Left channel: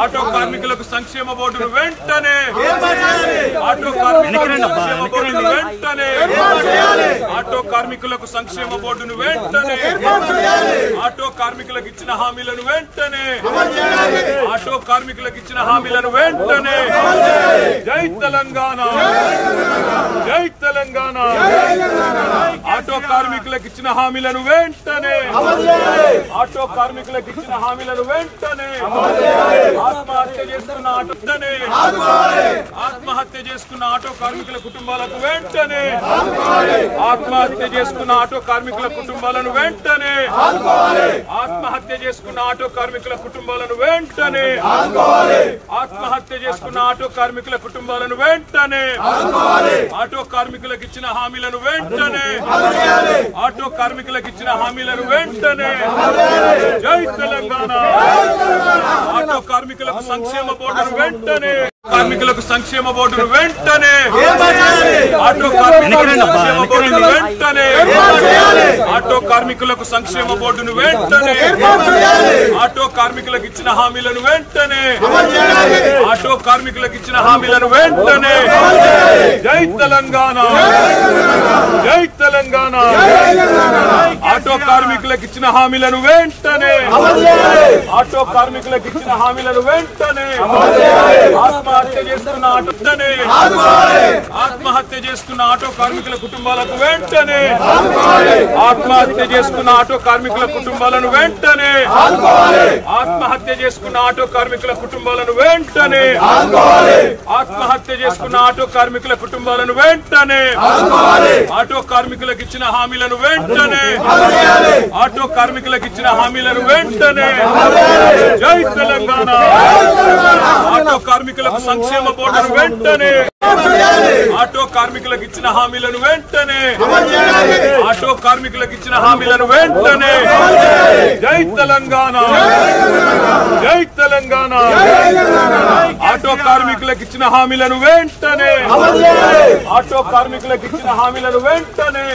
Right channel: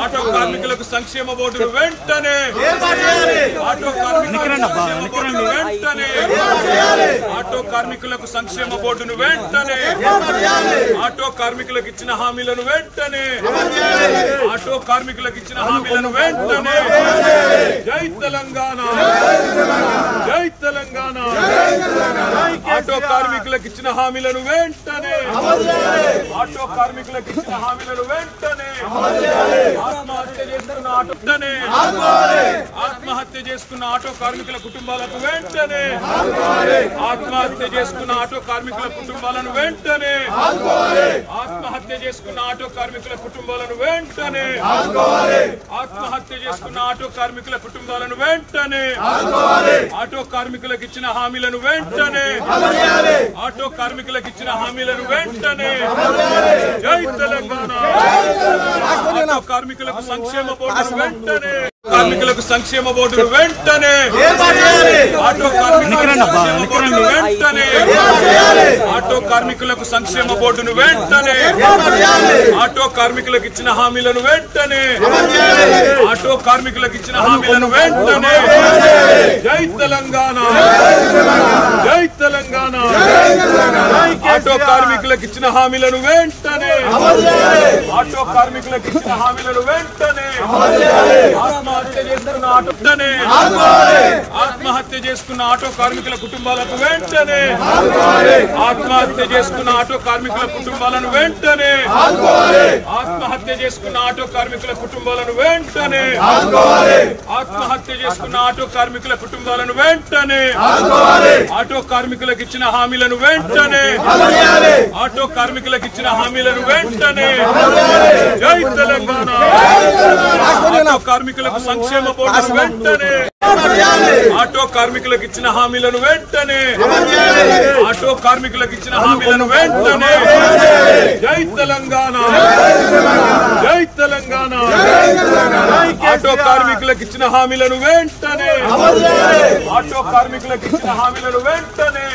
auto కార్మికులకు సంక్షేమ బోర్డును వెంటనే ఆటో కార్మికులకు వెంటనే ఆటో కార్మికులకు సంక్షేమ బోర్డును వెంటనే ఆటో కార్మికులకు ఇచ్చిన హామీలను వెంటనే ఆటో కార్మికులకు ఇచ్చిన హామీలను వెంటనే జై తెలంగాణ జై తెలంగాణ ఆటో కార్మికులకు ఇచ్చిన హామీలను వెంటనే ఆటో కార్మికులకు ఇచ్చిన హామీలను వెంటనే ఆత్మహత్య చేసుకున్న ఆత్మహత్య చేసుకున్న ఆటో కార్మికుల కుటుంబాలకు వెంటనే ఆత్మహత్య చేసుకున్న ఆటో కార్మికుల కుటుంబాలను వెంటనే ఆత్మహత్య చేసుకున్న ఆటో కార్మికుల కుటుంబాలను వెంటనే ఆత్మహత్య చేసుకున్న ఆటో కార్మికుల కుటుంబాలను వెంటనే ఆటో కార్మికులకు ఇచ్చిన హామీలను వెంటనే ఆటో కార్మికులకు ఇచ్చిన హామీలను వెంటనే జై తెలంగాణ ఆటో కార్మికులకు సంక్షేమ బోర్డును వెంటనే కార్మికులకు సంక్షేమ బోర్డును వెంటనే ఆటో కార్మికులకు వెంటనే ఆటో కార్మికులకు సంక్షేమ బోర్డును వెంటనే ఆటో కార్మికులకు ఇచ్చిన హామీలను వెంటనే ఆటో కార్మికులకు ఇచ్చిన హామీలను వెంటనే జై తెలంగాణ జై తెలంగాణ ఆటో కార్మికులకు ఇచ్చిన హామీలను వెంటనే ఆటో కార్మికులకు ఇచ్చిన హామీలను వెంటనే ఆత్మహత్య చేసుకున్న ఆత్మహత్య చేసుకున్న ఆటో కార్మికుల కుటుంబాలకు వెంటనే ఆత్మహత్య చేసుకున్న ఆటో కార్మికుల కుటుంబాలను వెంటనే ఆత్మహత్య చేసుకున్న ఆటో కార్మికుల కుటుంబాలను వెంటనే ఆత్మహత్య చేసుకున్న ఆటో కార్మికుల కుటుంబాలను వెంటనే ఆటో కార్మికులకు ఇచ్చిన హామీలను వెంటనే ఆటో కార్మికులకు ఇచ్చిన హామీలను వెంటనే జై తెలంగాణ ఆటో కార్మికులకు సంక్షేమ బోర్డును వెంటనే ఆటో కార్మికులకు ఇచ్చిన హామీలను వెంటనే ఆటో కార్మికులకు ఇచ్చిన హామీలను వెంటనే జై తెలంగాణ జై తెలంగాణ ఆటో కార్మికులకు ఇచ్చిన హామీలను వెంటనే ఆటో కార్మికులకు ఇచ్చిన హామీలను వెంటనే